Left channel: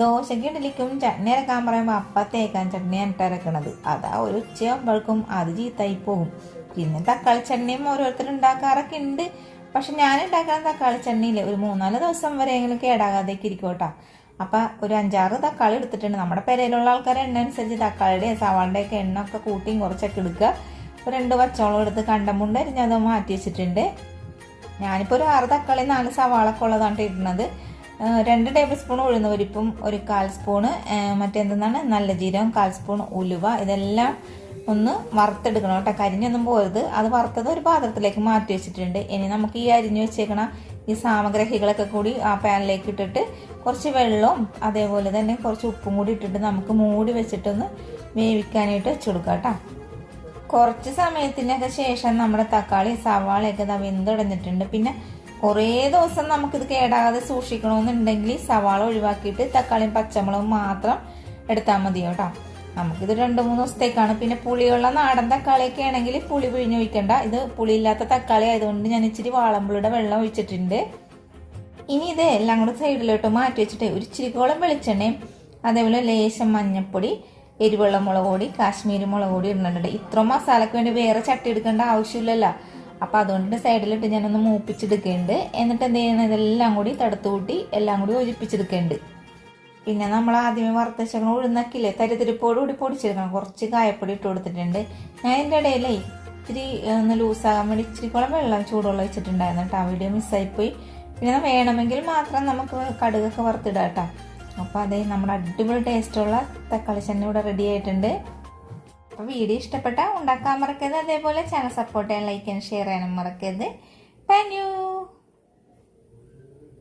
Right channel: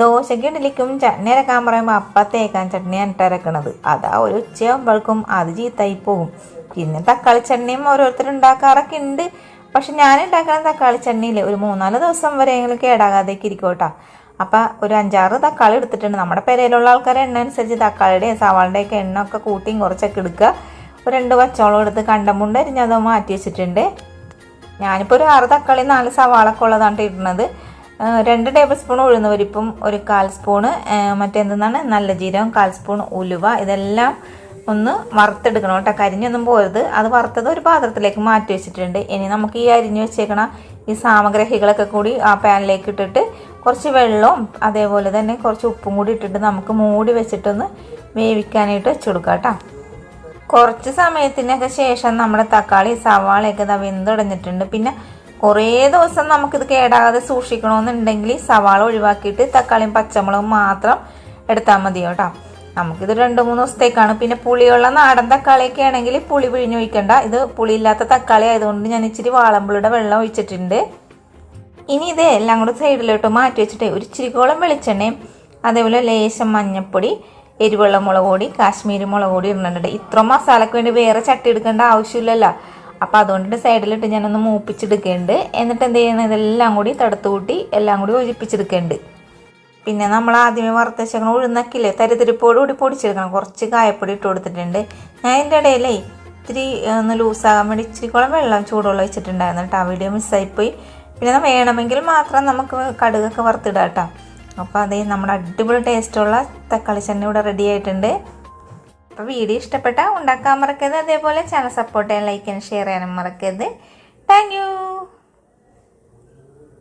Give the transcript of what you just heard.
ദോശയ്ക്ക് ഇഡലിക്കും ചട്നി അരക്കാൻ പറയുമ്പോൾ അപ്പം തേക്കാൻ ചട്നിയാണ് ഇട്ടരക്കണത്. അതാ ഒരു ഉച്ചയാകുമ്പോഴേക്കും അത് ചീത്തായി പോകും. പിന്നെ തക്കാളി ചട്നിയും ഓരോരുത്തർ ഉണ്ടാക്കാറൊക്കെ ഉണ്ട്. പക്ഷെ ഞാൻ ഉണ്ടാക്കുന്ന തക്കാളി ചട്നിയിൽ ഒരു 3-4 ദിവസം വരെയെങ്കിലും കേടാകാതേക്ക് ഇരിക്കും കേട്ടോ. അപ്പം ഒരു 5-6 തക്കാളി എടുത്തിട്ടുണ്ട്. നമ്മുടെ പെരയിലുള്ള ആൾക്കാരെ എണ്ണ അനുസരിച്ച് തക്കാളിയുടെയും സവാളിൻ്റെയൊക്കെ എണ്ണ ഒക്കെ കൂട്ടിയും കുറച്ചൊക്കെ എടുക്കുക. ഒരു 2 പച്ചമുളക് എടുത്ത് കണ്ടമുണ്ട് അരിഞ്ഞത് മാറ്റി വെച്ചിട്ടുണ്ട്. ഞാനിപ്പോൾ ഒരു 6 തക്കാളി 4 സവാളൊക്കെ ഉള്ളതാണ് ഇടുന്നത്. 2 ടേബിൾ സ്പൂൺ ഉഴുന്ന് പരിപ്പും 1/4 സ്പൂണ് മറ്റെന്താണ് നല്ല ജീരകം, 1/4 സ്പൂൺ ഉലുവ, ഇതെല്ലാം ഒന്ന് വറുത്തെടുക്കണം കേട്ടോ. കരിഞ്ഞൊന്നും പോരുത്. അത് വറുത്തത് ഒരു പാത്രത്തിലേക്ക് മാറ്റി വെച്ചിട്ടുണ്ട്. ഇനി നമുക്ക് ഈ അരിഞ്ഞു വെച്ചേക്കണ ഈ സാമഗ്രികളൊക്കെ കൂടി ആ പാനിലേക്ക് ഇട്ടിട്ട് കുറച്ച് വെള്ളവും അതേപോലെ തന്നെ കുറച്ച് ഉപ്പും കൂടി ഇട്ടിട്ട് നമുക്ക് മൂടി വെച്ചിട്ടൊന്ന് വേവിക്കാനായിട്ട് വെച്ച് കൊടുക്കാം കേട്ടോ. കുറച്ച് സമയത്തിനൊക്കെ ശേഷം നമ്മുടെ തക്കാളി സവാളയൊക്കെ വെന്തുടഞ്ഞിട്ടുണ്ട്. പിന്നെ കുറേ ദിവസം നമുക്കിത് കേടാകാതെ സൂക്ഷിക്കണമെന്നുണ്ടെങ്കിൽ സവാള ഒഴിവാക്കിയിട്ട് തക്കാളിയും പച്ചമുളകും മാത്രം എടുത്താൽ മതി കേട്ടോ. നമുക്കിത് 2-3 ദിവസത്തേക്കാണ്. പിന്നെ പുളിയുള്ള നാടൻ തക്കാളിയൊക്കെ ആണെങ്കിൽ പുളി പിഴിഞ്ഞൊഴിക്കണ്ട. ഇത് പുളിയില്ലാത്ത തക്കാളി ആയതുകൊണ്ട് ഞാൻ ഇച്ചിരി വാളമ്പുളിയുടെ വെള്ളം ഒഴിച്ചിട്ടുണ്ട്. ഇനി ഇത് എല്ലാം കൂടെ സൈഡിലോട്ട് മാറ്റി വെച്ചിട്ട് ഒരു ഇച്ചിരിക്കോളം വെളിച്ചെണ്ണയും അതേപോലെ ലേശം മഞ്ഞൾപ്പൊടി, എരിവെള്ള മുളക് പൊടി, കാശ്മീരി മുളക് പൊടി ഇടുന്നുണ്ട്. ഇത്ര മസാലയ്ക്ക് വേണ്ടി വേറെ ചട്ടി എടുക്കേണ്ട ആവശ്യമില്ലല്ലോ. അപ്പം അതുകൊണ്ട് സൈഡിലിട്ട് ഞാനൊന്ന് മൂപ്പിച്ചെടുക്കുന്നുണ്ട്. എന്നിട്ട് എന്ത് ചെയ്യണം, ഇതെല്ലാം കൂടി തടുത്തു കൂട്ടി എല്ലാം കൂടി യോജിപ്പിച്ചെടുക്കുന്നുണ്ട്. പിന്നെ നമ്മൾ ആദ്യമേ വറുത്ത ശേഷം ഉഴുന്നക്കില്ലേ തരിതരിപ്പോടുകൂടി പൊടിച്ചെടുക്കണം. കുറച്ച് കായപ്പൊടി ഇട്ട് കൊടുത്തിട്ടുണ്ട്. ഞാൻ ഇതിൻ്റെ ഇടയിലേ ഇത്തിരി ഒന്ന് ലൂസാകാൻ വേണ്ടി ഇച്ചിരിക്കോളം വെള്ളം ചൂടുവെള്ളം വെച്ചിട്ടുണ്ടായിരുന്നു കേട്ടോ. ആ വീഡിയോ മിസ്സായിപ്പോയി. പിന്നെ വേണമെങ്കിൽ മാത്രം നമുക്ക് കടുകൊക്കെ വറുത്തിടാം കേട്ടോ. അപ്പോൾ അതേ നമ്മുടെ അടിപൊളി ടേസ്റ്റുള്ള തക്കാളി ചട്നി ഇവിടെ റെഡി ആയിട്ടുണ്ട്. അപ്പോൾ വീഡിയോ ഇഷ്ടപ്പെട്ടാൽ ഉണ്ടാക്കാൻ മറക്കരുത്. അതേപോലെ ചാനൽ സപ്പോർട്ട് ചെയ്യാൻ, ലൈക്ക് ചെയ്യാൻ, ഷെയർ ചെയ്യാനും മറക്കരുത്. Thank you.